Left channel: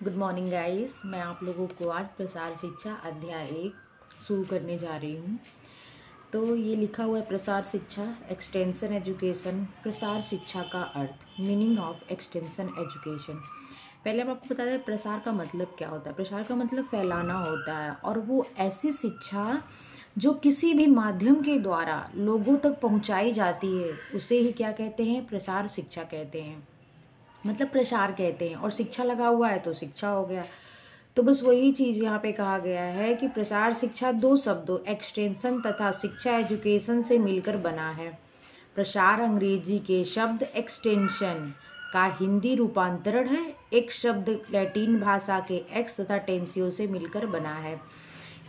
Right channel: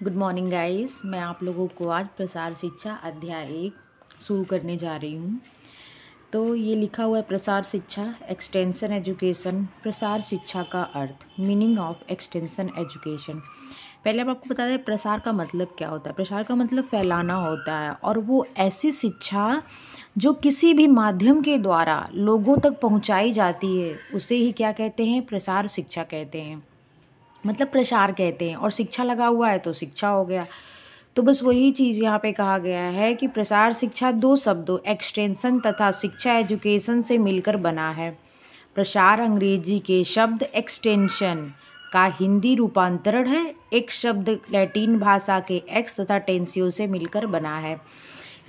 Good morning guys. मैं आप लोगों को आज प्रसार शिक्षा अध्याय 1 शुरू करने जा रही हूँ। तो ये लिखा हुआ है प्रसार शिक्षा एक्सटेंशन एजुकेशन। प्रसार शिक्षा का अर्थ, मीनिंग ऑफ एक्सटेंशन एजुकेशन। पहले हम आपको बता दें प्रसार का मतलब क्या होता है। प्रसार का मतलब फैलाना होता है, और वो ऐसी शिक्षा जो किसी भी माध्यम के द्वारा लोगों तक पहुँचाई जाती है उसे ही क्या कहते हैं, प्रसार शिक्षा कहते हैं। मतलब प्रसार कहते हैं, और शिक्षा लगा हुआ है तो शिक्षा हो गया। तो बस वही चीज़ यहाँ पे कहा गया है कि प्रसार शिक्षा दो शब्दों एक्सटेंशन तथा शिक्षा एजुकेशन से मिलकर बना है। प्रसार अंग्रेजी के शब्द एक्सटेंशन का हिंदी रूपांतरण है। एक शब्द लैटिन भाषा के एक्स तथा टेंसियो से मिलकर बना है।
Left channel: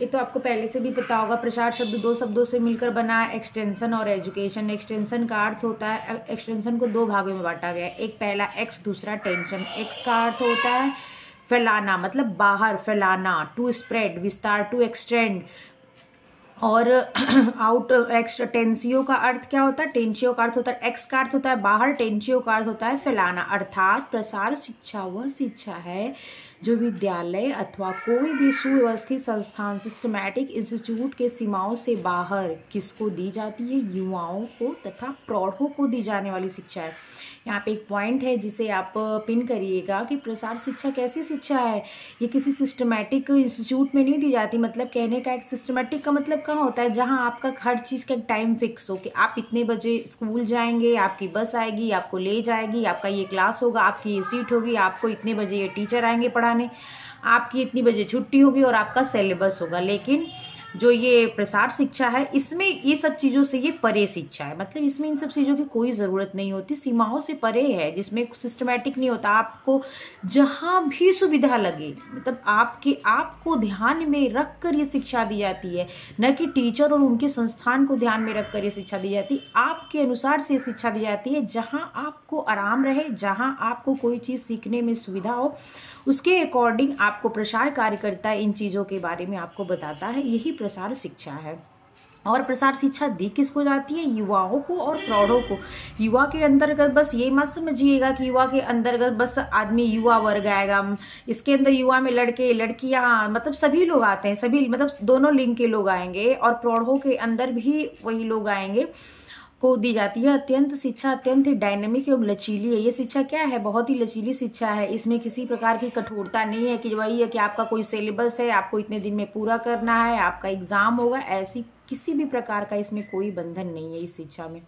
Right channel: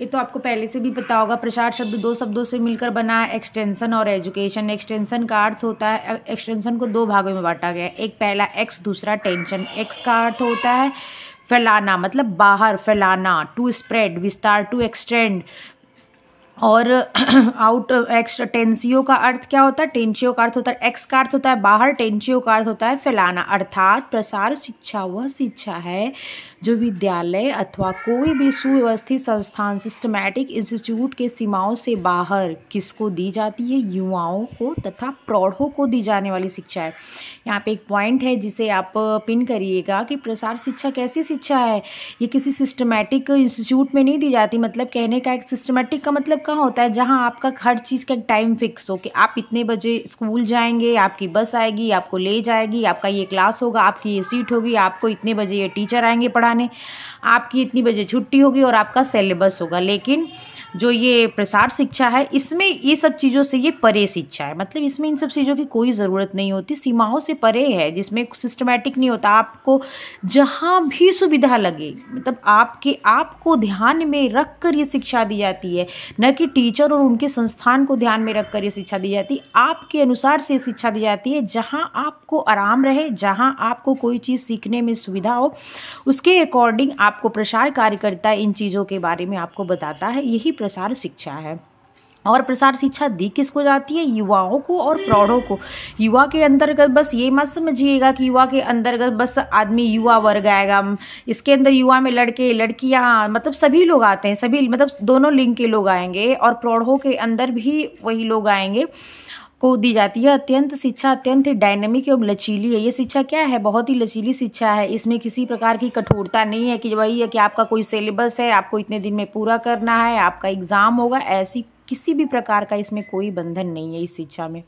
ये तो आपको पहले से भी पता होगा। प्रसार शब्द दो शब्दों से मिलकर बना है, एक्सटेंशन और एजुकेशन। एक्सटेंशन का अर्थ होता है, एक्सटेंशन को दो भागों में बांटा गया है, एक पहला एक्स, दूसरा टेंशन। एक्स का अर्थ होता है फैलाना, मतलब बाहर फैलाना, टू स्प्रेड, विस्तार, टू एक्सटेंड। और आउट टेंसियो का अर्थ क्या होता है, टेंसियो का अर्थ होता है, एक्स का अर्थ होता है बाहर, टेंसियो का अर्थ होता है फैलाना। अर्थात प्रसार शिक्षा वह शिक्षा है जो विद्यालय अथवा कोई भी सुव्यवस्थित संस्थान सिस्टमैटिक इंस्टीट्यूट के सीमाओं से बाहर किसको दी जाती है, युवाओं को तथा प्रौढ़ों को दी जाने वाली शिक्षा है। यहाँ पे एक पॉइंट है जिसे आप पिन करिएगा कि प्रसार शिक्षा कैसी शिक्षा है। ये किसी सिस्टमैटिक इंस्टीट्यूट में नहीं दी जाती। मतलब कहने का एक सिस्टमैटिक का मतलब कहाँ होता है, जहाँ आपका हर चीज़ का टाइम फिक्स हो कि आप इतने बजे स्कूल जाएंगे, आपकी बस आएगी, आपको ले जाएगी, आपका ये क्लास होगा, आपकी ये सीट होगी, आपको इतने बजे ये टीचर आएंगे पढ़ाने, आपकी इतनी बजे छुट्टी होगी और आपका सिलेबस होगा। लेकिन जो ये प्रसार शिक्षा है इसमें ये सब चीज़ों से ये परे शिक्षा है। मतलब इसमें इन सब चीज़ों की कोई ज़रूरत नहीं होती, सीमाओं से परे है, जिसमें सिस्टमैटिक नहीं होता। आपको जहाँ भी सुविधा लगे, मतलब आपको ध्यान में रख कर ये शिक्षा दी जाती है, न कि टीचर और उनके संस्थान को ध्यान में रख कर ये शिक्षा दी जाती है। आपके अनुसार से शिक्षा दी जाती है, जहाँ आपको आराम रहे, जहाँ आपको कोई चीज़ सीखने में सुविधा हो, उसके अकॉर्डिंग आपको प्रसार कार्यकर्ता इन चीज़ों के बारे में आपको बताता है। यही प्रसार शिक्षा है। और प्रसार शिक्षा दी किसको जाती है, युवाओं को और प्रौढ़ों को। युवा के अंतर्गत बस ये मत समझिएगा कि युवा के अंतर्गत बस आदमी युवा वर्ग आएगा। इसके अंदर युवा में लड़के लड़कियां, मतलब सभी लोग आते हैं, सभी मतलब दोनों लिंग के लोग आएंगे, और प्रौढ़ों के अंदर भी वही लोग आएंगे को दी जाती है। अत्यंत शिक्षा अत्यंत ही डायनेमिक एवं लचीली है। ये शिक्षा क्या है, बहुत ही लचीली शिक्षा है। इसमें किसी प्रकार की कठोरता नहीं है कि वही है कि आपका कोई सिलेबस है, आपको इतने दिन में पूरा करना है, आपका एग्जाम होगा, ऐसी किसी भी प्रकार का इसमें कोई बंधन नहीं है इस शिक्षा में।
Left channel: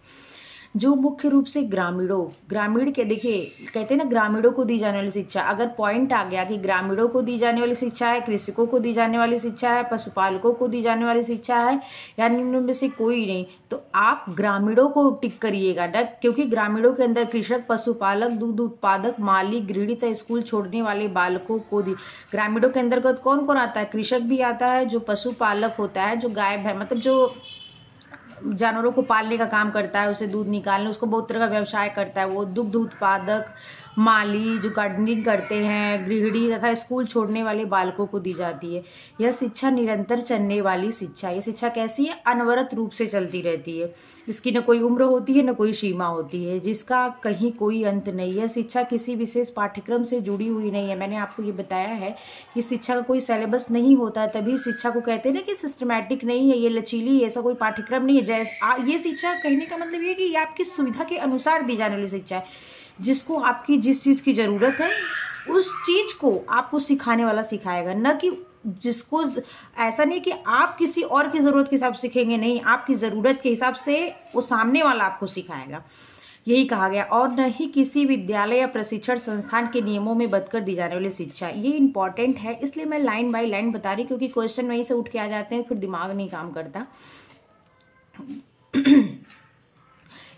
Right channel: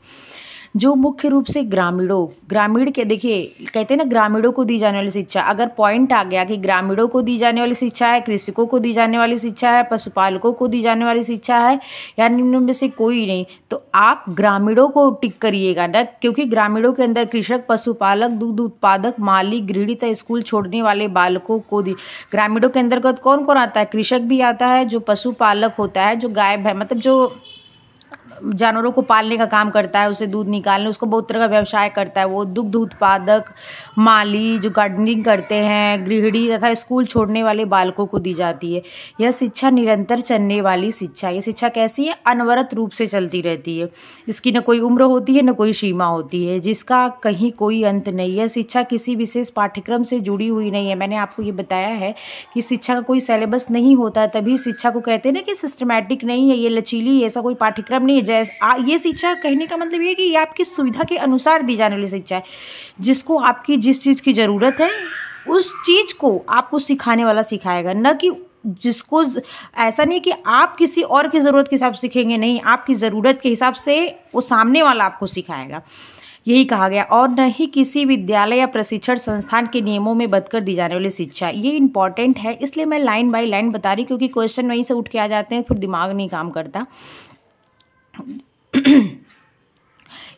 जो मुख्य रूप से ग्रामीण के, देखिए कहते हैं ना ग्रामीणों को दी जाने वाली शिक्षा। अगर पॉइंट आ गया कि ग्रामीणों को दी जाने वाली शिक्षा है, कृषकों को दी जाने वाली शिक्षा है, पशुपालकों को दी जाने वाली शिक्षा है, या निम्न में से कोई नहीं, तो आप ग्रामीणों को टिक करिएगा ना, क्योंकि ग्रामीणों के अंदर कृषक, पशुपालक, दूध उत्पादक, माली, गृहिणी तथा स्कूल छोड़ने वाले बालकों को दी। ग्रामीणों के अंतर्गत कौन कौन आता है, कृषक भी आता है, जो पशुपालक होता है, जो गाय है, मतलब जो जानवरों को पालने का काम करता है, उसे दूध निकालने, उसको बहुत तरह का व्यवसाय करता है, वो दुग्ध उत्पादक, माली, जो गार्डनिंग करते हैं, गृहिणी तथा स्कूल छोड़ने वाले बालकों को दी जाती है। यह शिक्षा निरंतर चलने वाली शिक्षा। ये शिक्षा कैसी है, अनवरत रूप से चलती रहती है। इसकी न कोई उम्र होती है, न कोई सीमा होती है, जिसका कहीं कोई अंत नहीं है। शिक्षा किसी विशेष पाठ्यक्रम से जुड़ी हुई नहीं है। मैंने आपको ये बताया है कि शिक्षा का कोई सिलेबस नहीं होता है, तभी शिक्षा को कहते हैं ना कि सिस्टमैटिक नहीं है, ये लचीली, ऐसा कोई पाठ्यक्रम नहीं है। ये शिक्षा कहने का मतलब ये है कि ये आपकी सुविधा के अनुसार दी जाने वाली शिक्षा है। जिसको आपकी जिस चीज़ की ज़रूरत है उस चीज़ को आपको सिखाने वाला सिखाएगा, न कि जिसको, ऐसा नहीं कि आप किसी और की ज़रूरत के हिसाब से सीखेंगे, नहीं, आपकी ज़रूरत के हिसाब से वो सामने वाला आपको सिखाएगा। यही कहा गया। और न ही किसी विद्यालय या प्रशिक्षण संस्थान के नियमों में बदकर दी जाने वाली शिक्षा। ये इंपॉर्टेंट है, इसलिए मैं लाइन बाय लाइन बता रही, क्योंकि क्वेश्चन वहीं से उठ के आ जाते हैं, फिर दिमाग नहीं काम करता।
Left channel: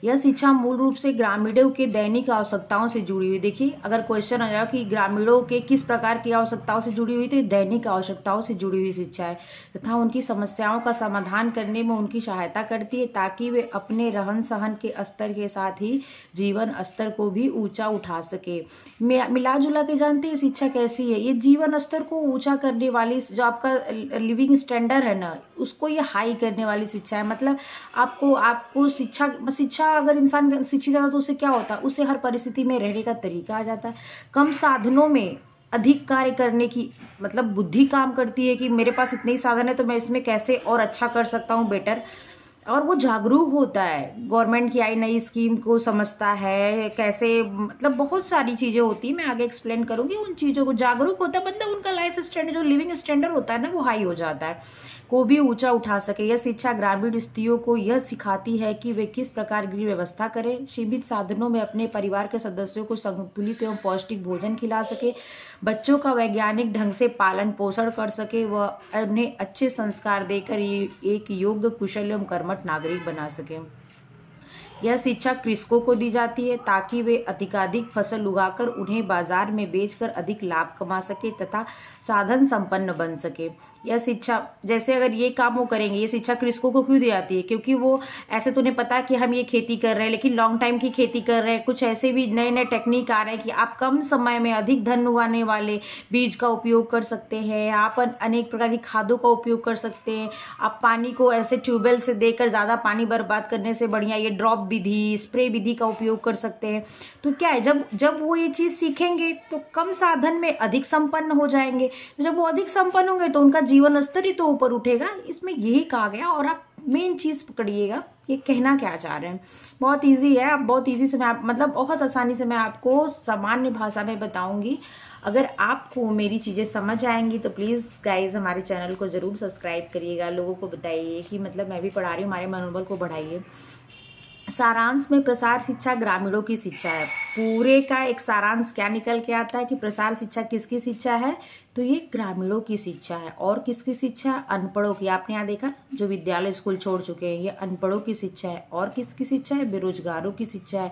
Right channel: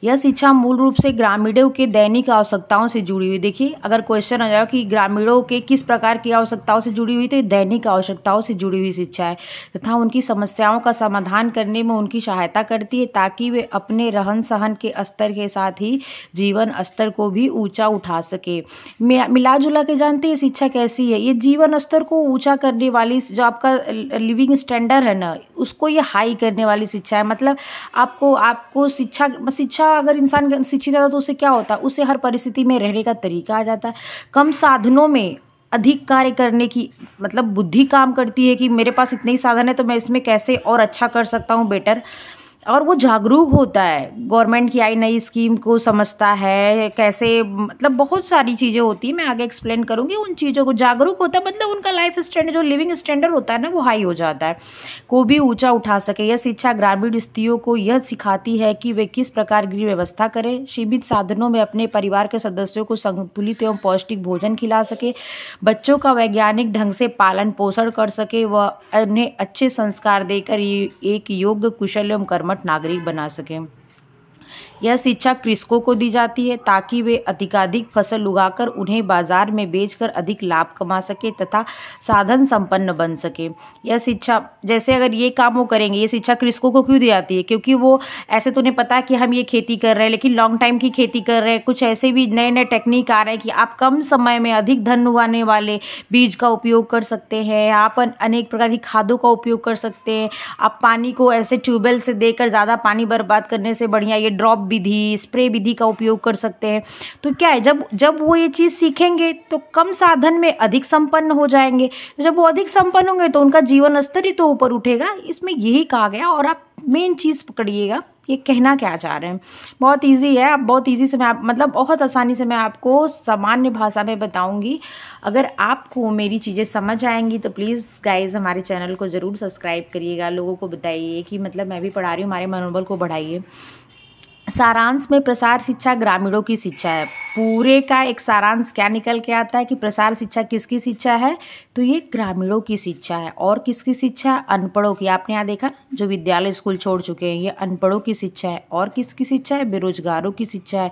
यह शिक्षा मूल रूप से ग्रामीणों के दैनिक आवश्यकताओं से जुड़ी हुई। देखिए अगर क्वेश्चन आ जाए कि ग्रामीणों के किस प्रकार की आवश्यकताओं से जुड़ी हुई, तो दैनिक आवश्यकताओं से जुड़ी हुई शिक्षा है तथा उनकी समस्याओं का समाधान करने में उनकी सहायता करती है, ताकि वे अपने रहन सहन के स्तर के साथ ही जीवन स्तर को भी ऊंचा उठा सके। मिला जुला के जानते हैं शिक्षा कैसी है, ये जीवन स्तर को ऊंचा करने वाली, जो आपका लिविंग स्टैंडर्ड है ना, उसको ये हाई करने वाली शिक्षा है। मतलब आपको शिक्षा अगर इंसान शिक्षित है तो उसे क्या होता है, उसे हर परिस्थिति में रहने का तरीका आ जाता है। कम साधनों में अधिक कार्य करने की मतलब बुद्धि काम करती है कि मेरे पास इतने ही साधन है तो मैं इसमें कैसे और अच्छा कर सकता हूँ बेटर। और वो जागरूक होता है, गवर्नमेंट की आई नई स्कीम को समझता है, कैसे मतलब बहुत सारी चीज़ें होती हैं, मैं आगे एक्सप्लेन करूँगी। उन चीज़ों को जागरूक होता है मतलब उनका लाइफ स्टैंडर्ड जो लिविंग स्टैंडर्ड होता है ना वो हाई हो जाता है, को भी ऊंचा उठा सके। यह शिक्षा ग्रामीण स्त्रियों को यह सिखाती है कि वे किस प्रकार गृह व्यवस्था करें, सीमित साधनों में अपने परिवार के सदस्यों को संतुलित एवं पौष्टिक भोजन खिला सके, बच्चों का वैज्ञानिक ढंग से पालन पोषण कर सके व उन्हें अच्छे संस्कार देकर एक योग्य कुशल एवं कर्मठ नागरिक बना सके। यह शिक्षा कृषकों को दी जाती है ताकि वे अधिकाधिक फसल उगाकर उन्हें बाजार में बेचकर अधिक लाभ कमा सके तथा साधन संपन्न बन सके। यह शिक्षा जैसे अगर ये काम वो करेंगे, ये शिक्षा कृषकों को क्यों दी जाती है? क्योंकि वो ऐसे तो उन्हें पता है कि हम ये खेती कर रहे हैं लेकिन लॉन्ग टाइम की खेती कर रहे हैं, कुछ ऐसे भी नए नए टेक्निक आ रहे हैं कि आप कम समय में अधिक धन उगाने वाले बीज का उपयोग कर सकते हैं, आप अनेक प्रकार की खादों का उपयोग कर सकते हैं, आप पानी को ऐसे ट्यूबवेल से देकर ज़्यादा पानी बर्बाद करने से बढ़िया ये ड्रॉप विधि, स्प्रे विधि का उपयोग कर सकते हैं। तो क्या है, जब वो ये चीज़ सीखेंगे तो कम साधन में अधिक संपन्न हो जाएंगे। तो जब वो अधिक संपन्न होंगे तो उनका जीवन स्तर ही तो ऊपर उठेगा, इसमें यही कहा गया। और आप मेन चीज़ पकड़िएगा, ये कहना क्या चाह रहे हैं। बहुत इजी है, आप बहुत इजी से मैं मतलब बहुत आसानी से मैं आपको सामान्य भाषा में बताऊंगी। अगर आपको मेरी चीज़ें समझ आएंगी तो प्लीज़ गाइज हमारे चैनल को ज़रूर सब्सक्राइब करिएगा, लोगों को बताइए कि मतलब मैं भी पढ़ा रही हूँ, हमारे मनोबल को बढ़ाइए। सारांश में प्रसार शिक्षा ग्रामीणों की शिक्षा है। पूरे का एक सारांश क्या निकल के आता है कि प्रसार शिक्षा किसकी शिक्षा है? तो ये ग्रामीणों की शिक्षा है। और किसकी शिक्षा? अनपढ़ों की। आपने यहाँ देखा जो विद्यालय स्कूल छोड़ चुके हैं, ये अनपढ़ों की शिक्षा है। और किसकी शिक्षा है? बेरोजगारों की शिक्षा है,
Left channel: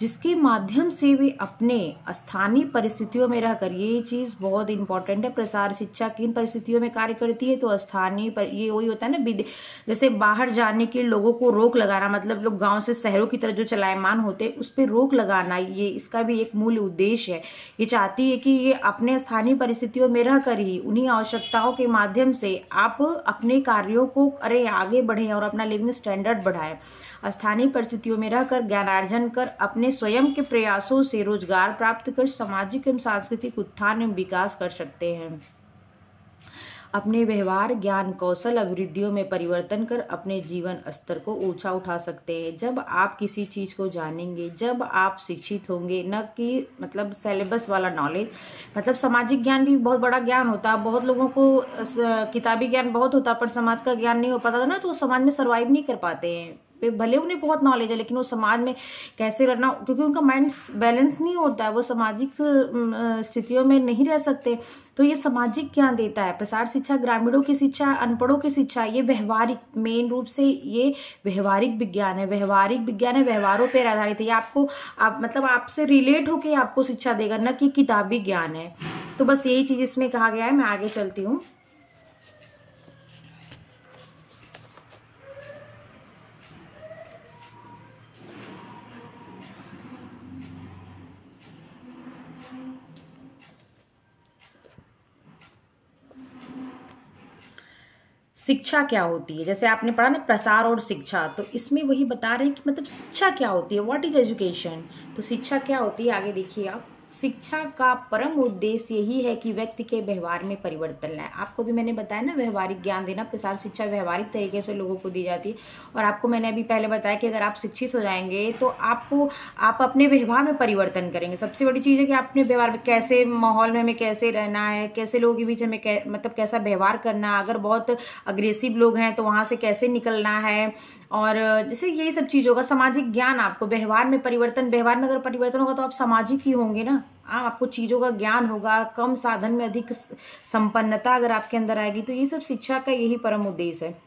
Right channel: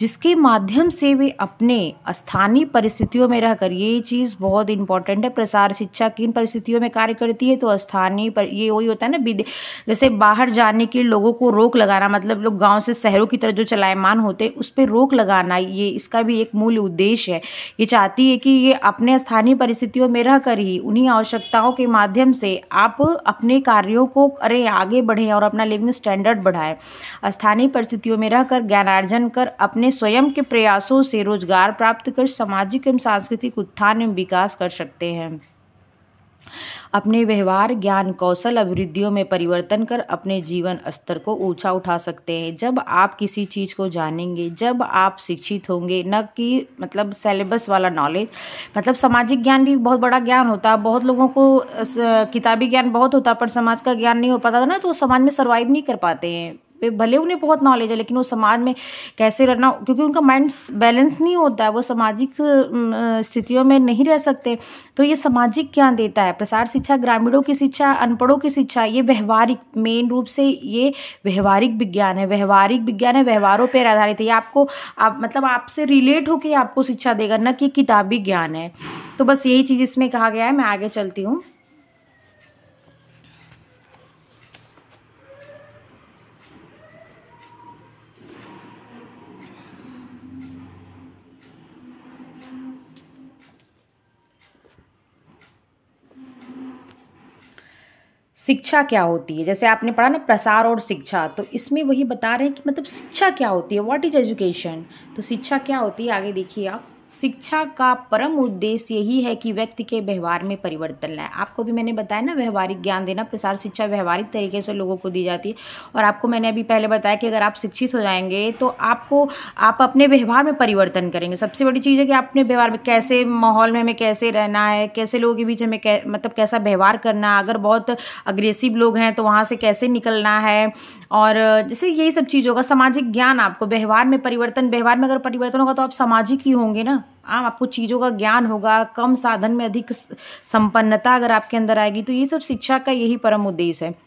जिसके माध्यम से वे अपने स्थानीय परिस्थितियों में रहकर, ये चीज़ बहुत इंपॉर्टेंट है, प्रसार शिक्षा किन परिस्थितियों में कार्य करती है? तो स्थानीय पर ये वही होता है ना, जैसे बाहर जाने के लोगों को रोक लगाना, मतलब लोग गाँव से शहरों की तरफ जो चलायमान होते हैं उस पर रोक लगाना, ये इसका भी एक मूल उद्देश्य है। ये चाहती है कि ये अपने स्थानीय परिस्थितियों में रहकर ही उन्हीं आवश्यकताओं के माध्यम से आप अपने कार्यों को करें, आगे बढ़ें और अपना लिविंग स्टैंडर्ड बढ़ाएं। स्थानीय परिस्थितियों में रहकर ज्ञानार्जन कर अपने स्वयं के प्रयासों से रोजगार प्राप्त कर सामाजिक एवं सांस्कृतिक उत्थान एवं विकास कर सकते हैं। अपने व्यवहार, ज्ञान, कौशल, अभिवृद्धियों में परिवर्तन कर अपने जीवन स्तर को ऊंचा उठा सकते हैं। जब आप किसी चीज़ को जानेंगे, जब आप शिक्षित होंगे, न कि मतलब सिलेबस वाला नॉलेज, मतलब सामाजिक ज्ञान भी बहुत बड़ा ज्ञान होता है। बहुत लोगों को किताबी ज्ञान बहुत होता है पर समाज का ज्ञान नहीं हो पाता ना, तो वो समाज में सर्वाइव नहीं कर पाते हैं। भले उन्हें बहुत नॉलेज है लेकिन वो समाज में कैसे रहना, क्योंकि उनका माइंड बैलेंस नहीं होता है, वो सामाजिक स्थितियों में नहीं रह सकते। तो ये सामाजिक ज्ञान देता है। प्रसार शिक्षा ग्रामीणों की शिक्षा, अनपढ़ों की शिक्षा, ये व्यवहारिक, मेन रूप से ये व्यवहारिक विज्ञान है। व्यवहारिक विज्ञान है, व्यवहारों पर आधारित है। ये आपको मतलब आपसे रिलेट होकर आपको शिक्षा देगा, न कि किताबी ज्ञान है। तो बस यही चीज़ इसमें कहा गया है। मैं आगे चलती हूँ। शिक्षा क्या होती है? जैसे आपने पढ़ा ना प्रसार और शिक्षा, तो इसमें वही बता रहे हैं कि मतलब शिक्षा क्या होती है, व्हाट इज एजुकेशन। तो शिक्षा क्या होती है, आगे देखिए आप। शिक्षा का परम उद्देश्य यही है कि व्यक्ति के व्यवहार में परिवर्तन लाए। आपको भी मैंने बताया ना, व्यवहारिक ज्ञान देना। प्रसार शिक्षा व्यवहारिक तरीके से लोगों को दी जाती है। और आपको मैंने अभी पहले बताया कि अगर आप शिक्षित हो जाएंगे तो आप अपने व्यवहार में परिवर्तन करेंगे। सबसे बड़ी चीज़ है कि अपने व्यवहार में कैसे, माहौल में हमें कैसे रहना है, कैसे लोगों के बीच हमें मतलब कैसा व्यवहार करना है, अगर बहुत अग्रेसिव लोग हैं तो वहाँ से कैसे निकलना है, और जैसे यही सब चीज़ों का सामाजिक ज्ञान। आपको व्यवहार में परिवर्तन, व्यवहार में अगर परिवर्तन होगा तो आप सामाजिक ही होंगे ना। आपको चीज़ों का ज्ञान होगा, कम साधन में अधिक संपन्नता अगर आपके अंदर आएगी। तो ये सब शिक्षा का यही परम उद्देश्य है।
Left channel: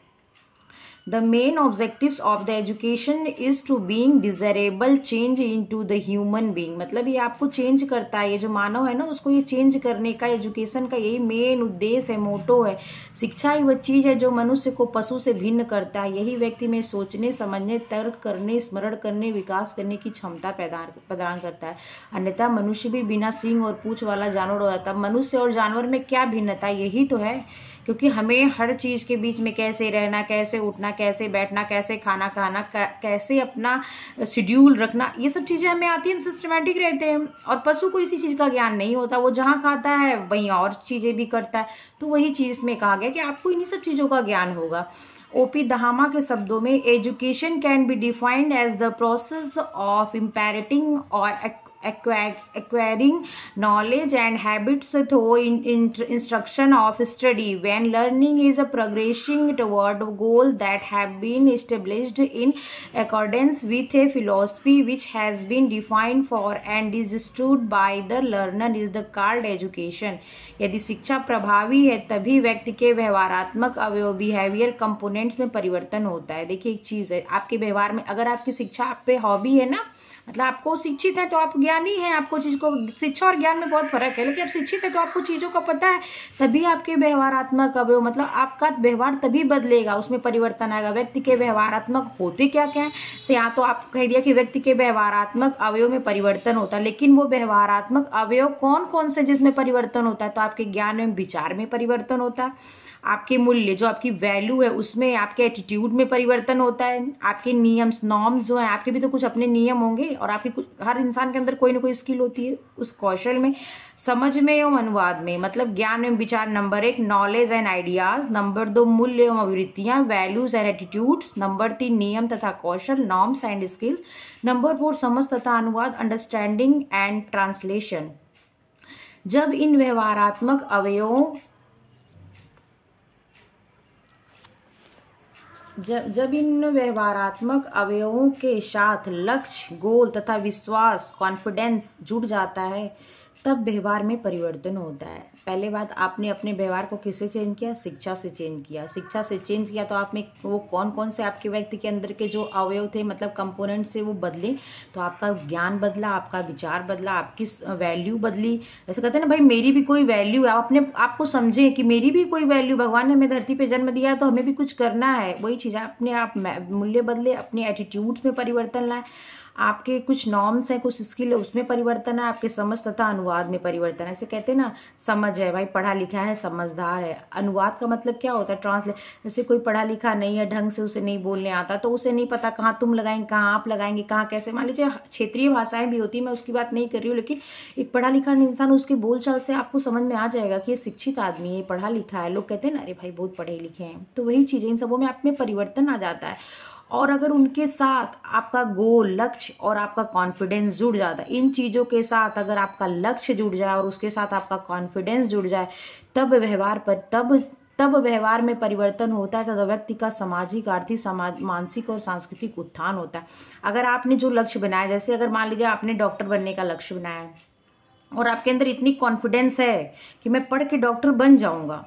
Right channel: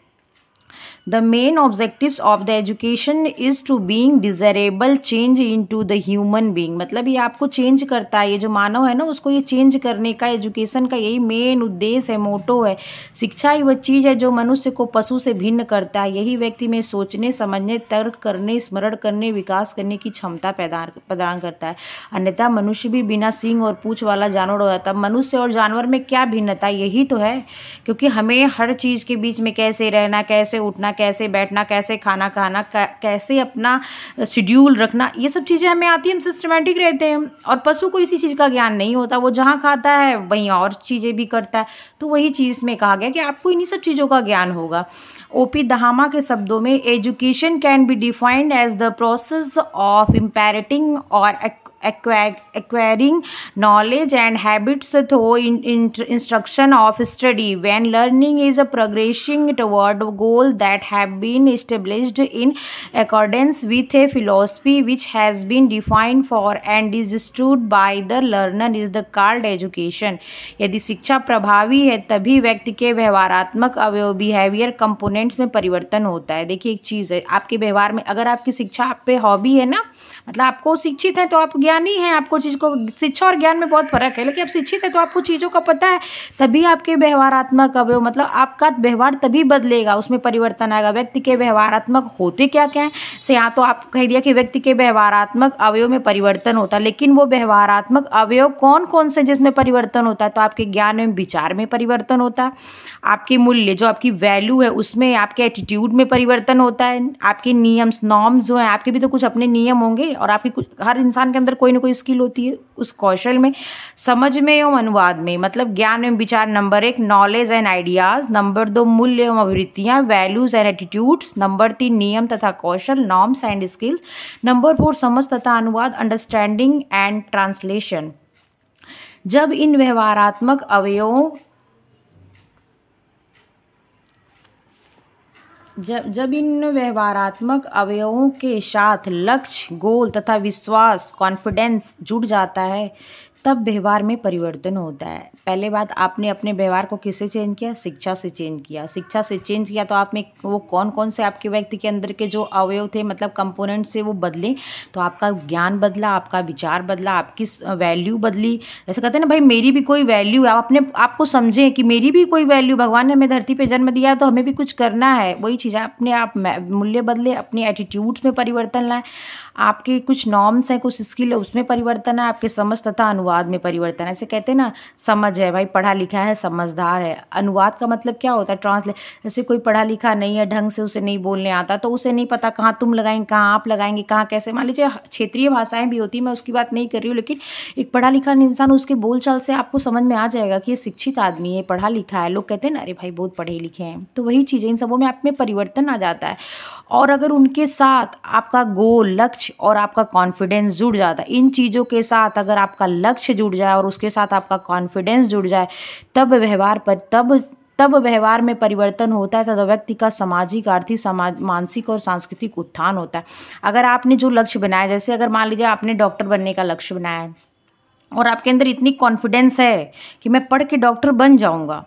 The main objectives of the education is to being desirable change into the human being। मतलब ये आपको चेंज करता है, ये जो मानव है ना उसको ये चेंज करने का एजुकेशन का यही मेन उद्देश्य है, मोटो है। शिक्षा ही वह चीज़ है जो मनुष्य को पशु से भिन्न करता है। यही व्यक्ति में सोचने, समझने, तर्क करने, स्मरण करने, विकास करने की क्षमता प्रदान करता है। अन्यथा मनुष्य भी बिना सींग और पूंछ वाला जानवर हो जाता है। मनुष्य और जानवर में क्या भिन्नता, यही तो है। क्योंकि हमें हर चीज़ के बीच में कैसे रहना, कैसे उठना, कैसे बैठना, कैसे खाना खाना, कैसे अपना शेड्यूल रखना, ये सब चीज़ें हमें आती है, हम सिस्टमेटिक रहते हैं। और पशु को इसी चीज़ का ज्ञान नहीं होता, वो जहाँ खाता है वहीं और चीज़ें भी करता है। तो वही चीज़ में कहा गया कि आपको इन्हीं सब चीज़ों का ज्ञान होगा। ओपी दहामा के शब्दों में education can be defined as the process of imparting और acquiring knowledge and habits through instruction of study. When learning is a progressing toward goals that have been established in accordance with a philosophy which has been defined for and is understood by the learner is the called education. यदि शिक्षा प्रभावी है तभी व्यक्ति के व्यवहारात्मक अवयव behaviour components में परिवर्तन होता है। देखिए एक चीज़ है, आपके व्यवहार में अगर आपकी शिक्षा आप पे हॉबी है ना, मतलब आपको शिक्षित है तो आप ज्ञानी हैं, आपको चीज़ को, शिक्षा और ज्ञान में बहुत फर्क है, लेकिन आप शिक्षित है तो आपको चीज़ों का पता है, तभी आपके व्यवहारात्मक अवयव, मतलब आपका व्यवहार तभी बदलेगा, उसमें परिवर्तन आएगा। व्यक्ति के व्यवहारात्मक होते क्या क्या है से, यहाँ तो आप कह दिया कि व्यक्ति के व्यवहारात्मक अवयव में परिवर्तन होता है, लेकिन वो व्यवहारात्मक अवयव कौन कौन से जिसमें परिवर्तन होता है? तो आपके ज्ञान में, विचार में परिवर्तन होता है, आपके मूल्य जो आपकी वैल्यू है उसमें, आपके एटीट्यूड में परिवर्तन होता है, आपके नियम नॉर्म्स जो हैं, आपके भी तो कुछ अपने नियम होंगे, और आपकी कुछ, हर इंसान के अंदर कोई ना कोई स्किल होती है, उस कौशल में, समझ में एवं अनुवाद में, मतलब ज्ञान एवं विचार number 1, knowledge and ideas number 2, मूल्य एवं अभिवृत्तियाँ, वैल्यूज एंड एटीट्यूड्स नंबर 3, नियम तथा कौशल, नॉर्म्स एंड स्किल्स नंबर 4, समझ तथा अनुवाद, अंडरस्टैंडिंग एंड ट्रांसलेशन। जब इन व्यवहारात्मक अवयवों जब इन व्यवहारात्मक अवयवों के साथ लक्ष्य, गोल तथा विश्वास, कॉन्फिडेंस जुड़ जाता है, तब व्यवहार में परिवर्तन होता है। पहले बात, आपने अपने व्यवहार को किससे चेंज किया? शिक्षा से चेंज किया। शिक्षा से चेंज किया तो आप में वो कौन कौन से आपके व्यक्ति के अंदर के जो अवयव थे, मतलब कंपोनेंट से वो बदले, तो आपका ज्ञान बदला, आपका विचार बदला, आपकी वैल्यू बदली। जैसे कहते हैं ना भाई, मेरी भी कोई वैल्यू है, आप अपने आपको समझें कि मेरी भी कोई वैल्यू, भगवान ने हमें धरती पर जन्म दिया है तो हमें भी कुछ करना है। वही चीज़ है, अपने आप मूल्य बदले, अपने एटीट्यूड्स में परिवर्तन लाएं, आपके कुछ नॉर्म्स हैं, कुछ स्किल है उसमें परिवर्तन है, आपके समझ तथा अनुवाद में परिवर्तन है। ऐसे कहते हैं ना, समझ है भाई, पढ़ा लिखा है, समझदार है। अनुवाद का मतलब क्या होता है? ट्रांसलेट। जैसे कोई पढ़ा लिखा नहीं है, ढंग से उसे नहीं बोलने आता, तो उसे नहीं पता कहाँ तुम लगाएंगे, कहाँ आप लगाएंगे, कहाँ कैसे। मान लीजिए क्षेत्रीय भाषाएं भी होती है, मैं उसकी बात नहीं कर रही हूँ, लेकिन एक पढ़ा लिखा इंसान, उसके बोलचाल से आपको समझ में आ जाएगा कि ये शिक्षित आदमी है, पढ़ा लिखा है। लोग कहते हैं ना, अरे भाई बहुत पढ़े लिखे हैं, तो वही चीज़ें, इन सबों में आप में परिवर्तन आ जाता है। और अगर उनके साथ आपका गोल, लक्ष्य और आपका कॉन्फिडेंस जुड़ जाता है, इन चीज़ों के साथ अगर आपका लक्ष्य जुड़ जाए और उसके साथ आपका कॉन्फिडेंस जुड़ जाए, तब व्यवहार में परिवर्तन होता है, तब व्यक्ति का सामाजिक, आर्थिक, मानसिक और सांस्कृतिक उत्थान होता है। अगर आपने जो लक्ष्य बनाया, जैसे अगर मान लीजिए आपने डॉक्टर बनने का लक्ष्य बनाया है और आपके अंदर इतनी कॉन्फिडेंस है कि मैं पढ़ के डॉक्टर बन जाऊंगा,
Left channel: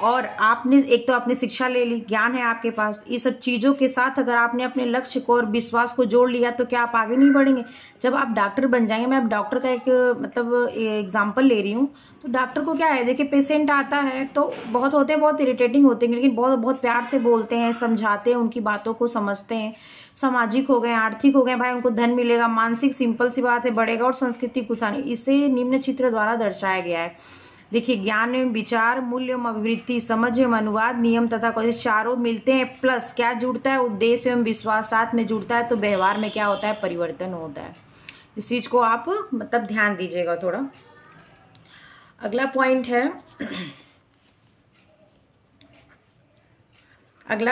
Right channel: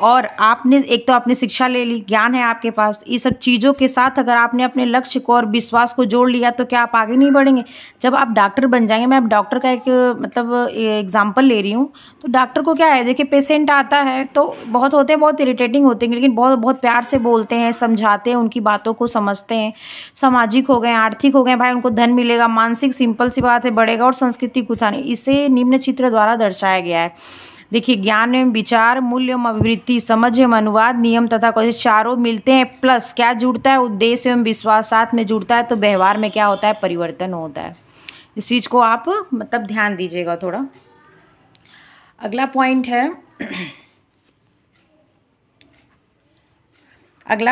और आपने एक तो आपने शिक्षा ले ली, ज्ञान है आपके पास, ये सब चीज़ों के साथ अगर आपने अपने लक्ष्य को और विश्वास को जोड़ लिया, तो क्या आप आगे नहीं बढ़ेंगे? जब आप डॉक्टर बन जाएंगे, मैं अब डॉक्टर का एक मतलब एग्जांपल ले रही हूँ, तो डॉक्टर को क्या है, देखिए पेशेंट आता है तो बहुत होते हैं, बहुत इरिटेटिंग होते हैं, लेकिन बहुत बहुत प्यार से बोलते हैं, समझाते हैं, उनकी बातों को समझते हैं। सामाजिक हो गए, आर्थिक हो गए, भाई उनको धन मिलेगा, मानसिक, सिंपल सी बात है, बढ़ेगा, और सांस्कृतिक उत्थान, इसे निम्न चित्र द्वारा दर्शाया गया है। देखिए, ज्ञान एवं विचार, मूल्य एवं अभिवृत्ति, समझ एवं अनुवाद, नियम तथा कौशल, चारों मिलते हैं, प्लस क्या जुड़ता है? उद्देश्य एवं विश्वास साथ में जुड़ता है, तो व्यवहार में क्या होता है? परिवर्तन होता है। इस चीज़ को आप मतलब ध्यान दीजिएगा थोड़ा। अगला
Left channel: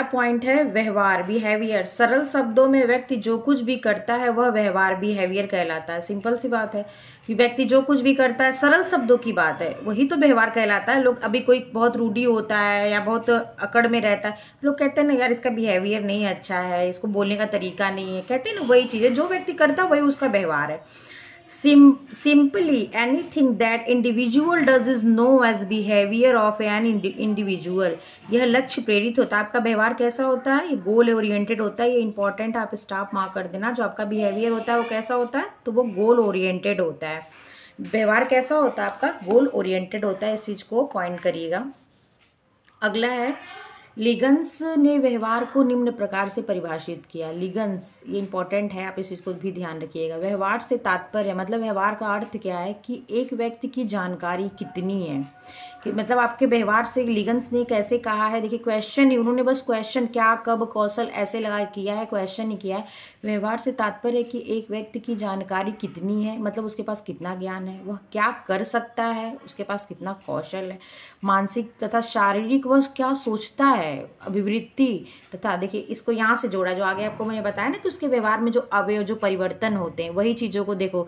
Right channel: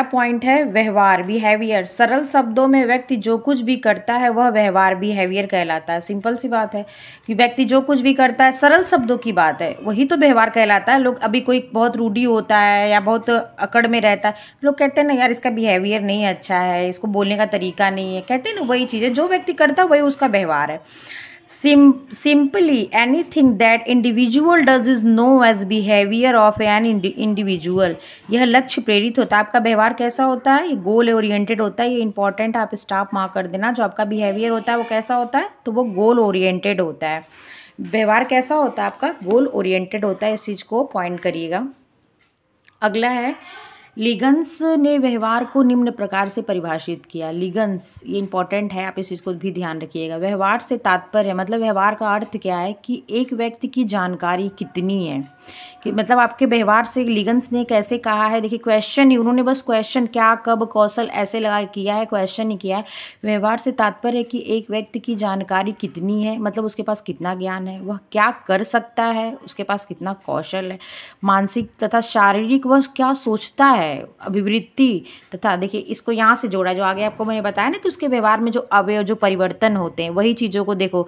पॉइंट है व्यवहार, बिहेवियर। सरल शब्दों में व्यक्ति जो कुछ भी करता है वह व्यवहार, बिहेवियर कहलाता है। सिंपल सी बात है कि व्यक्ति जो कुछ भी करता है, सरल शब्दों की बात है, वही तो व्यवहार कहलाता है। लोग, अभी कोई बहुत रूडी होता है या बहुत अकड़ में रहता है, लोग कहते हैं ना यार इसका बिहेवियर नहीं अच्छा है, इसको बोलने का तरीका नहीं है, कहते हैं ना, वही चीज़ है, जो व्यक्ति करता है वही उसका व्यवहार है। Simply anything that individual does is known as behavior of an individual। यह लक्ष्य प्रेरित होता है। आपका व्यवहार कैसा होता है? ये गोल ओरिएंटेड होता है। ये इंपॉर्टेंट, आप स्टॉप मार्क कर देना। जो आपका बिहेवियर होता है वो कैसा होता है? तो वो गोल ओरिएंटेड होता है। व्यवहार कैसा होता है? आपका गोल ओरिएंटेड होता है। इस चीज़ को पॉइंट करिएगा। अगला है लिगन्स ने व्यवहार को निम्न प्रकार से परिभाषित किया। लिगन्स, ये इंपॉर्टेंट है, आप इस चीज़ को भी ध्यान रखिएगा। व्यवहार से तात्पर्य, मतलब व्यवहार का अर्थ क्या है कि एक व्यक्ति की जानकारी कितनी है, कि मतलब आपके व्यवहार से लिगन्स ने कैसे कहा है। देखिए क्वेश्चन ही, उन्होंने बस क्वेश्चन क्या, कब, कौशल ऐसे लगा किया है, क्वेश्चन ही किया है। व्यवहार से तात्पर्य कि एक व्यक्ति की जानकारी कितनी है, मतलब उसके पास कितना ज्ञान है, वह क्या कर सकता है, उसके पास कितना कौशल है, मानसिक तथा शारीरिक वह क्या सोचता है, अभिवृत्ति तथा, देखिए इसको यहाँ से जोड़ा, जो आगे आपको मैंने बताया ना कि उसके व्यवहार में जो अवयव, जो परिवर्तन होते हैं, वही चीज़ों को देखो।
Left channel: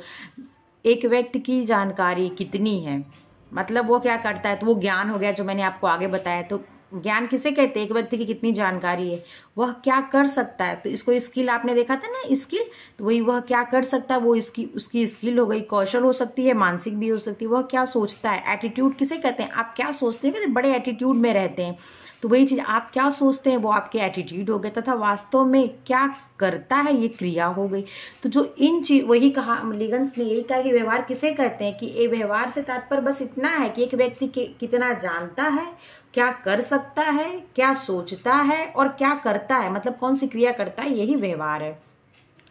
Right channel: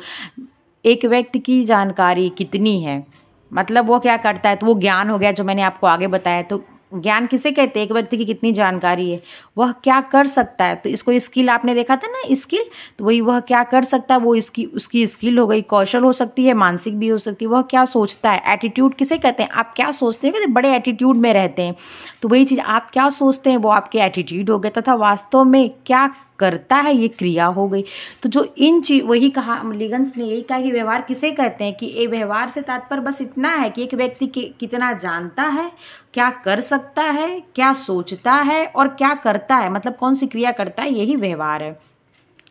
एक व्यक्ति की जानकारी कितनी है, मतलब वो क्या करता है, तो वो ज्ञान हो गया जो मैंने आपको आगे बताया। तो ज्ञान किसे कहते हैं, एक व्यक्ति की कितनी जानकारी है, वह क्या कर सकता है, तो इसको स्किल आपने देखा था ना, स्किल, तो वही वह क्या कर सकता है, वो उसकी स्किल हो गई। कौशल हो सकती है, मानसिक भी हो सकती है, वह क्या सोचता है। एटीट्यूड किसे कहते हैं, आप क्या सोचते हैं, कहते बड़े एटीट्यूड में रहते हैं, तो वही चीज़ आप क्या सोचते हैं वो आपके एटीट्यूड हो गए, तथा वास्तव में क्या करता है ये क्रिया हो गई। तो जो इन चीज, वही कहा लिगन्स ने, यही कहा कि व्यवहार किसे कहते हैं, कि ये व्यवहार से तात्पर्य बस इतना है कि एक व्यक्ति कितना जानता है, क्या कर सकता है, क्या सोचता है और क्या करता है, मतलब कौन सी क्रिया करता है, यही व्यवहार है।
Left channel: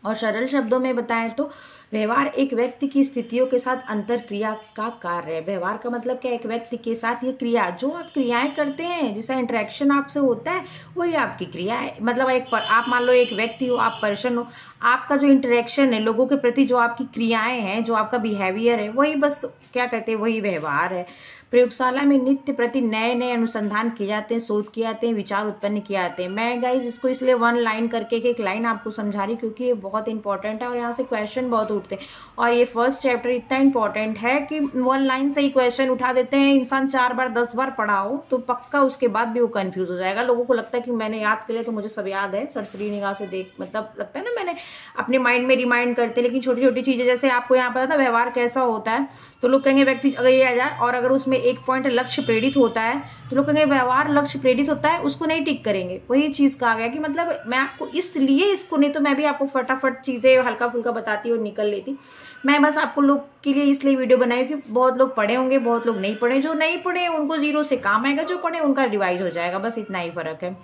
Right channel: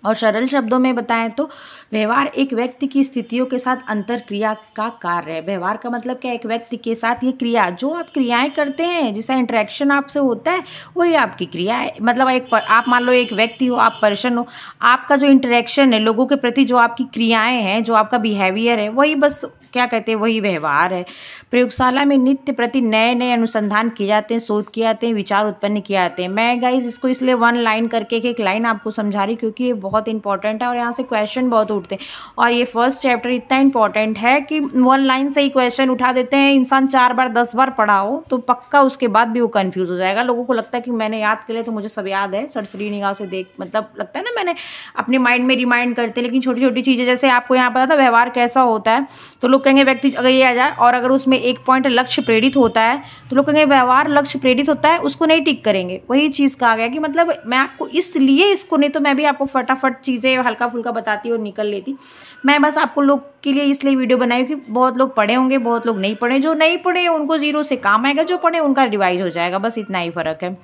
और सरल शब्दों में बताएं तो व्यवहार एक व्यक्ति की स्थितियों के साथ अंतर क्रिया का कार्य है। व्यवहार का मतलब क्या, एक व्यक्ति के साथ ये क्रिया, जो आप क्रियाएं करते हैं, जिसका इंटरेक्शन आपसे होता है, वही आपकी क्रिया है। मतलब आप मान लो एक व्यक्ति हो, आप पर्सन हो, आपका जो इंटरेक्शन है लोगों के प्रति, जो आपकी क्रियाएं हैं, जो आपका बिहेवियर है, वही बस क्या कहते हैं, वही व्यवहार है। प्रयोगशाला में नित्य प्रति नए नए अनुसंधान किए जाते हैं, शोध किए जाते हैं, विचार उत्पन्न किए जाते हैं। मैं गाइज इसको इसलिए वन लाइन करके एक लाइन आपको समझा रही, क्योंकि ये बहुत इंपॉर्टेंट है और यहाँ से क्वेश्चन बहुत उठते हैं। और ये फर्स्ट चैप्टर इतना इंपॉर्टेंट है कि वन लाइन से ही क्वेश्चन उठा देते हैं। इंसान 4 बार 10 बार पढ़ा हो तो पक्का उसके बाद भी वो कंफ्यूज हो जाएगा। लोगों को लगता है कि मैंने याद कर लिया तो मुझे सब याद है, सरसरी निगाह से देख, मतलब लगता है ना मैंने अपने माइंड में रिमाइंड करते, लेकिन छोटी छोटी चीजें, जैसे आपको यहाँ पता था व्यवहार कैसा होता है, तो लोग कहेंगे व्यक्ति अगर ये आ जाए और अगर उसमें एक पॉइंट लक्ष्य प्रेरित होता है तो लोग कहेंगे व्यवहार लक्ष्य प्रेरित होता है, उसको नहीं टिक करेंगे। वही चीज कहा गया कि मतलब मैं आपको इसलिए इसको, नहीं तो मैं भी आपको फटाफट चीजें हल्का फुल्का बताती और निकल लेती। मैं बस आपको लोग के लिए इसलिए वीडियो बनाई कि बहुत लोग पढ़े होंगे, बहुत लोग नहीं पढ़े। जो नहीं पढ़े उनको जीरो से काम आएगा, जो पढ़े उनका रिवाइज हो जाएगा, बस इतना ही फर्क है।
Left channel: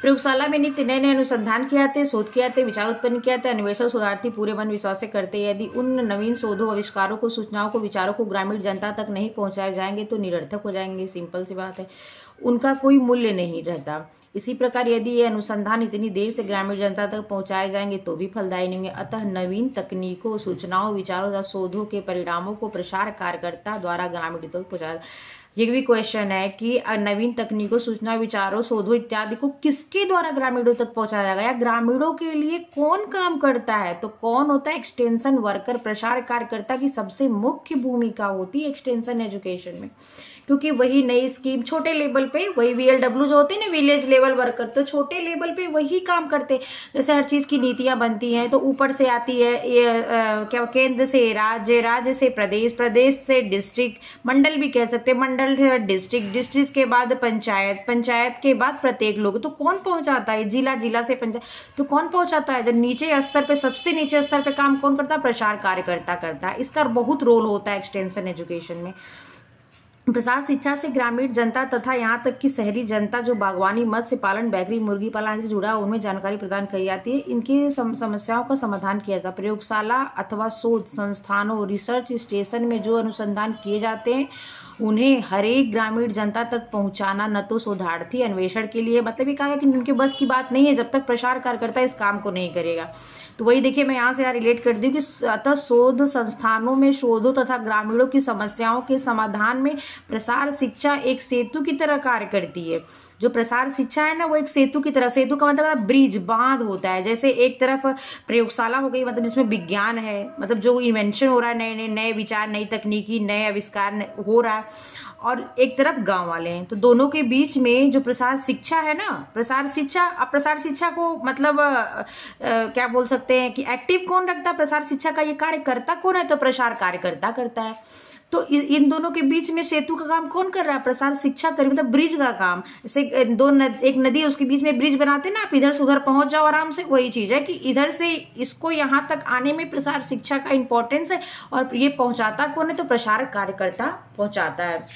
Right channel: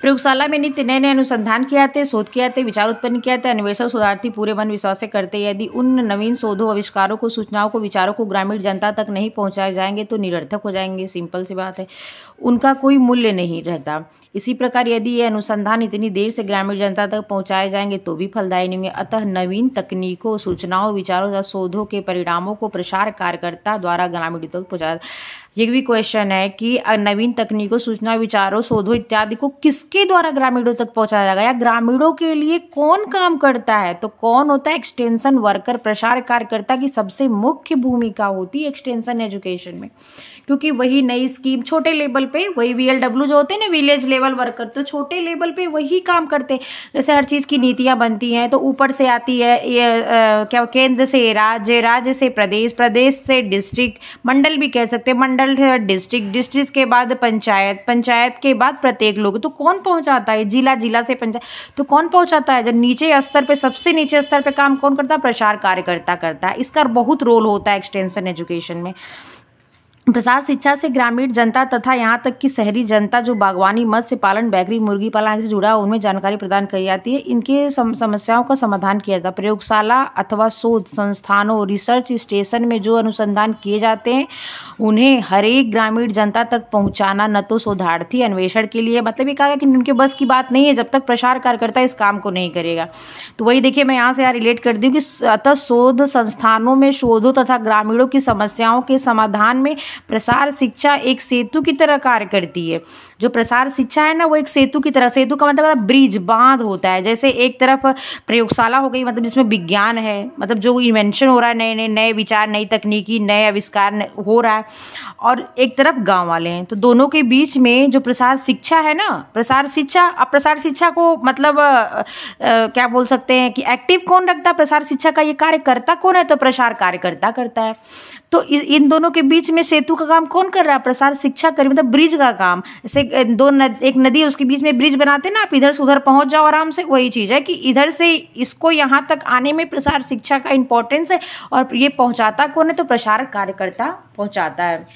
प्रयोगशाला में नित्य नए नए अनुसंधान किए जाते हैं, शोध किए जाते हैं, विचार उत्पन्न किए जाते हैं। अन्वेषक शोधार्थी पूरे मन विश्वास से करते हैं। यदि उन नवीन शोधों, आविष्कारों को, सूचनाओं को, विचारों को ग्रामीण जनता तक नहीं पहुंचाए जाएंगे तो निरर्थक हो जाएंगे। सिंपल सी बात है, उनका कोई मूल्य नहीं रहता। इसी प्रकार यदि ये अनुसंधान इतनी देर से ग्रामीण जनता तक पहुंचाए जाएंगे तो भी फलदायी नहीं होंगे। अतः नवीन तकनीकों, सूचनाओं, विचारों या शोधों के परिणामों को प्रसार कार्यकर्ता द्वारा ग्रामीण तक पहुंचाया। ये भी क्वेश्चन है कि नवीन तकनीकों, सूचना, विचारों, शोधों इत्यादि को किसके द्वारा ग्रामीणों तक पहुंचाया जाएगा, या ग्रामीणों के लिए कौन काम करता है। तो कौन होता है, एक्सटेंशन वर्कर, प्रसार कार्यकर्ता की सबसे मुख्य भूमिका होती है एक्सटेंशन एजुकेशन में, क्योंकि वही नई स्कीम छोटे लेवल पे, वही VLW जो होते हैं ना, विलेज लेवल वर्कर, तो छोटे लेवल पे वही काम करते हैं। जैसे हर चीज की नीतियां बनती हैं तो ऊपर से आती है ये क्या, केंद्र से राज्य, राज्य से प्रदेश, प्रदेश से डिस्ट्रिक्ट, मंडल भी कह सकते हैं, मंडल है डिस्ट्रिक्ट, डिस्ट्रिक्ट के बाद पंचायत, पंचायत के बाद प्रत्येक लोग। तो कौन पहुंचाता है, जिला, जिला से पंचायत, तो कौन पहुंचाता है। जब नीचे स्तर पे, सबसे नीचे स्तर पे काम कौन करता है, प्रसार कार्यकर्ता करता है। इसका बहुत रोल होता है एक्सटेंशन एजुकेशन में। प्रसार शिक्षा से ग्रामीण जनता तथा यहाँ तक कि शहरी जनता जो बागवानी, मत्स्य पालन, बेकरी, मुर्गी पालन से जुड़ा, उनमें जानकारी प्रदान की जाती है। इनकी समस्याओं का समाधान किया जाता है। प्रयोगशाला अथवा शोध संस्थानों, रिसर्च स्टेशन में जो अनुसंधान किए जाते हैं उन्हें हर एक ग्रामीण जनता तक पहुंचाना न तो शोधार्थी अन्वेषण के लिए, मतलब ये कहा गया कि उनके बस की बात नहीं है जब तक प्रसार कार्यकर्ता इस काम को नहीं करेगा। तो वही देखिए मैं यहाँ से यहाँ रिलेट कर दी हूँ कि अतः शोध संस्थानों में शोधों तथा ग्रामीणों की समस्याओं के समाधान में प्रसार शिक्षा एक सेतु की तरह कार्य करती है। जो प्रसार शिक्षा है ना, वो एक सेतु की तरह, सेतु का मतलब ब्रिज, बांध होता है। जैसे एक तरफ प्रयोगशाला हो गई, मतलब जिसमें विज्ञान है, मतलब जो इन्वेंशन हो रहा है, नए विचार, नई तकनीकी, नए आविष्कार हो रहा है, और एक तरफ गांव वाले हैं। तो दोनों के बीच में जो प्रसार शिक्षा है ना, प्रसार शिक्षा, अब प्रसार शिक्षा को मतलब क्या बोल सकते हैं कि एक्टिव कौन रखता है प्रसार शिक्षा का, ये कार्यकर्ता कौन है, तो प्रसार कार्यकर्ता करता है। तो इन दोनों के बीच में सेतु का काम कौन कर रहा है, प्रसार शिक्षा कर, मतलब ब्रिज का काम। जैसे एक नदी है, उसके बीच में ब्रिज बनाते हैं ना, आप इधर से उधर पहुंच जाओ आराम से। वही चीज है कि इधर से इसको यहाँ तक आने में प्रसार शिक्षा का इंपॉर्टेंस है, और ये पहुंचाता कौन है, तो प्रसार कार्यकर्ता पहुंचाता है।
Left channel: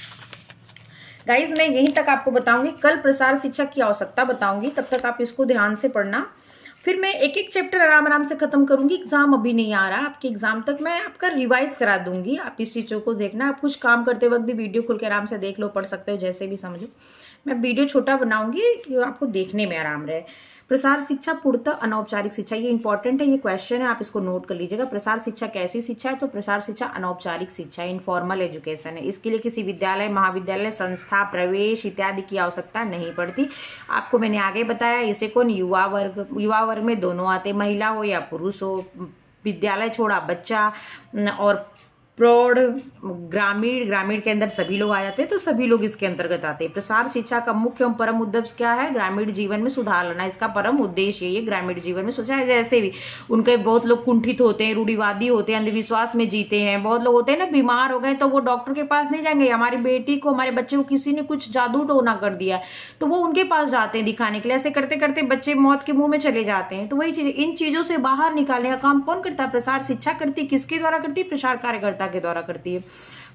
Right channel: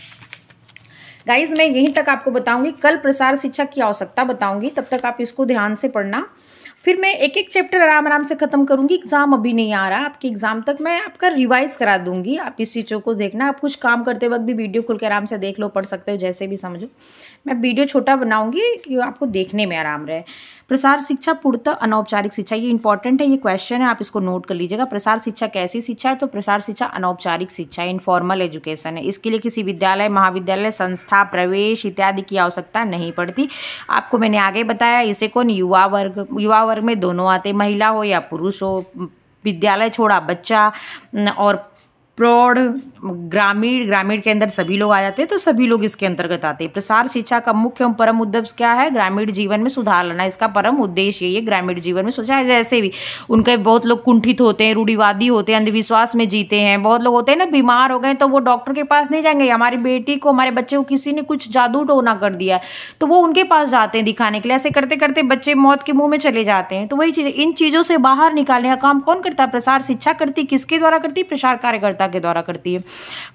गाइज मैं यहीं तक आपको बताऊंगी, कल प्रसार शिक्षा की आवश्यकता बताऊंगी, तब तक आप इसको ध्यान से पढ़ना। फिर मैं एक एक चैप्टर आराम आराम से खत्म करूंगी। एग्जाम अभी नहीं आ रहा, आपके एग्जाम तक मैं आपका रिवाइज करा दूंगी। आप इस चीज़ों को देखना, आप कुछ काम करते वक्त भी वीडियो खोल के आराम से देख लो, पढ़ सकते हो, जैसे भी समझो। मैं वीडियो छोटा बनाऊंगी कि आपको देखने में आराम रहे। प्रसार शिक्षा पूर्णतः अनौपचारिक शिक्षा, ये इंपॉर्टेंट है, ये क्वेश्चन है, आप इसको नोट कर लीजिएगा। प्रसार शिक्षा कैसी शिक्षा है? तो प्रसार शिक्षा अनौपचारिक शिक्षा, इनफॉर्मल एजुकेशन है। इसके लिए किसी विद्यालय, महाविद्यालय, संस्था, प्रवेश इत्यादि की आवश्यकता नहीं पड़ती। आपको मैंने आगे बताया, इसे कौन? युवा वर्ग में दोनों आते, महिला हो या पुरुष हो, विद्यालय छोड़ा बच्चा और प्रौढ़, ग्रामीण के अंदर सभी लोग आ जाते हैं, तो सभी लोग इसके अंतर्गत आते हैं। प्रसार शिक्षा का मुख्य एवं परम उद्देश्य क्या है? ग्रामीण जीवन में सुधार लाना, इसका परम उद्देश्य ये ग्रामीण जीवन में सुधार। जैसे भी उनके बहुत लोग कुंठित होते हैं, रूढ़िवादी होते हैं, अंधविश्वास में जीते हैं, बहुत लोग होते हैं ना बीमार हो गए तो वो डॉक्टर के पास नहीं जाएंगे। हमारी बेटी को, हमारे बच्चे को किसी ने कुछ जादू टोना कर दिया तो वो उनके पास जाते हैं दिखाने के लिए। ऐसे करते करते बच्चे मौत के मुंह में चले जाते हैं। तो वही चीज, इन चीजों से बाहर निकालने का काम कौन करता है? प्रसार शिक्षा करती है। किसके द्वारा करती है? प्रसार कार्यकर्ता के द्वारा करती है।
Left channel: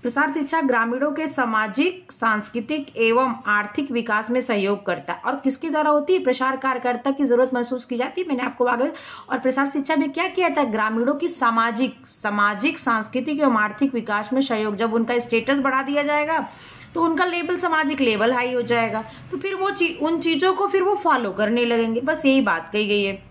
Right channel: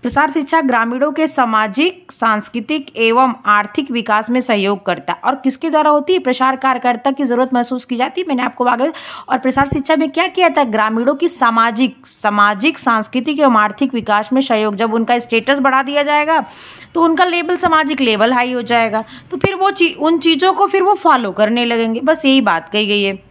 प्रसार शिक्षा ग्रामीणों के सामाजिक, सांस्कृतिक एवं आर्थिक विकास में सहयोग करता है। और किसके द्वारा होती है? प्रसार कार्यकर्ता की जरूरत महसूस की जाती है। मैंने आपको आगे, और प्रसार शिक्षा में क्या किया था? ग्रामीणों की सामाजिक, सांस्कृतिक एवं आर्थिक विकास में सहयोग। जब उनका स्टेटस बढ़ा दिया जाएगा तो उनका लेवल, सामाजिक लेवल हाई हो जाएगा, तो फिर वो उन चीजों को फिर वो फॉलो करने लगेंगे। बस यही बात कही गई है।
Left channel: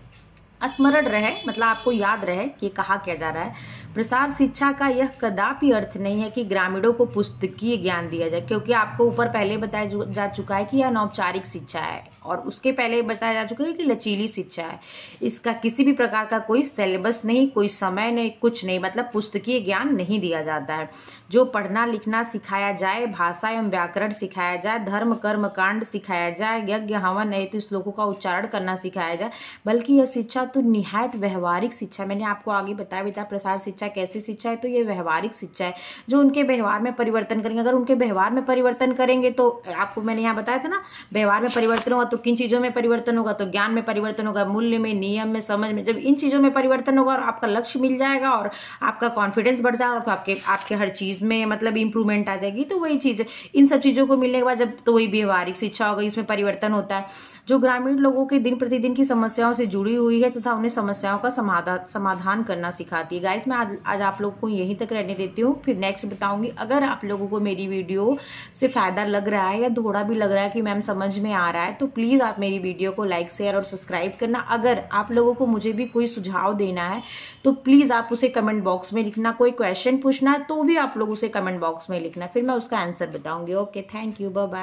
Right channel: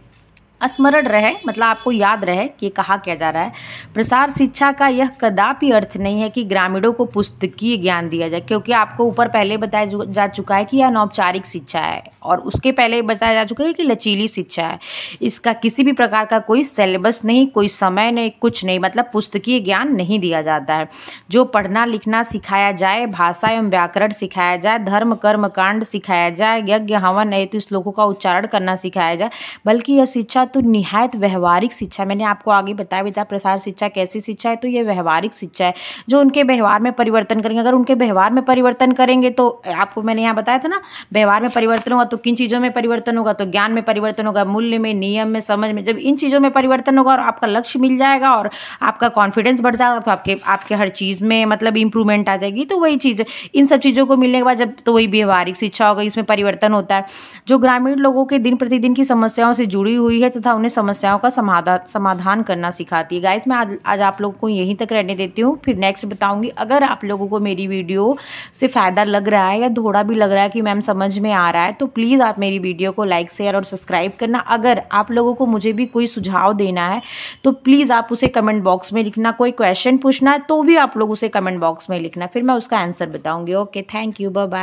स्मरण रहे, मतलब आपको याद रहे कि ये कहा क्या जा रहा है। प्रसार शिक्षा का यह कदापि अर्थ नहीं है कि ग्रामीणों को पुस्तकीय ज्ञान दिया जाए, क्योंकि आपको ऊपर पहले बताया जा चुका है कि यह अनौपचारिक शिक्षा है, और उसके पहले बताया जा चुका है कि लचीली शिक्षा है। इसका किसी भी प्रकार का कोई सिलेबस नहीं, कोई समय नहीं, कुछ नहीं, मतलब पुस्तकीय ज्ञान नहीं दिया जाता है। जो पढ़ना लिखना सिखाया जाए, भाषा एवं व्याकरण सिखाया जाए, धर्म कर्म कांड सिखाया जाए, यज्ञ हवन नैतिक श्लोकों का उच्चारण करना सिखाया जाए, बल्कि यह शिक्षा तो निहायत व्यवहारिक शिक्षा। मैंने आपको आगे बताया प्रसार शिक्षा कैसी शिक्षा है? तो ये व्यवहारिक शिक्षा है, जो उनके व्यवहार में परिवर्तन करेंगे। अगर उनके व्यवहार में परिवर्तन करेंगे तो आपको मैंने यहाँ बताया था ना, व्यवहार में परिवर्तन होगा तो किन चीज़ों में परिवर्तन होगा? तो ज्ञान में परिवर्तन होगा, मूल्य में, नियम में, समझ में। जब इन चीज़ों में परिवर्तन होगा और आपका लक्ष्य मिल जाएगा और आपका कॉन्फिडेंस बढ़ जाएगा, तो आपके हर चीज़ में मतलब इंप्रूवमेंट आ जाएगी। तो वही चीज़, इन सब चीज़ों को मिलने के बाद जब, तो वही व्यवहारिक शिक्षा होगा, इसमें परिवर्तन होता है, जो ग्रामीण लोगों के दिन प्रतिदिन की समस्याओं से जुड़ी हुई है तथा उन्हें समस्याओं का समाधान करना सिखाती है। गाइस मैं आज आप लोगों को यहीं तक रहने देती हूँ, फिर नेक्स्ट बताऊंगी। अगर आप लोगों को मेरी वीडियो से फ़ायदा लग रहा है या थोड़ा भी लग रहा है कि मैम समझ में आ रहा है, तो प्लीज़ आप मेरी वीडियो को लाइक शेयर और सब्सक्राइब करना। अगर आप लोगों को मुझे भी कोई सुझाव देना है तो प्लीज़ आप उसे कमेंट बॉक्स में लिखना। कोई क्वेश्चन पूछना है तो भी आप लोग उसे कमेंट बॉक्स में लिखना, फिर मैं उसका आंसर बताऊंगी। Okay, thank you, bye bye.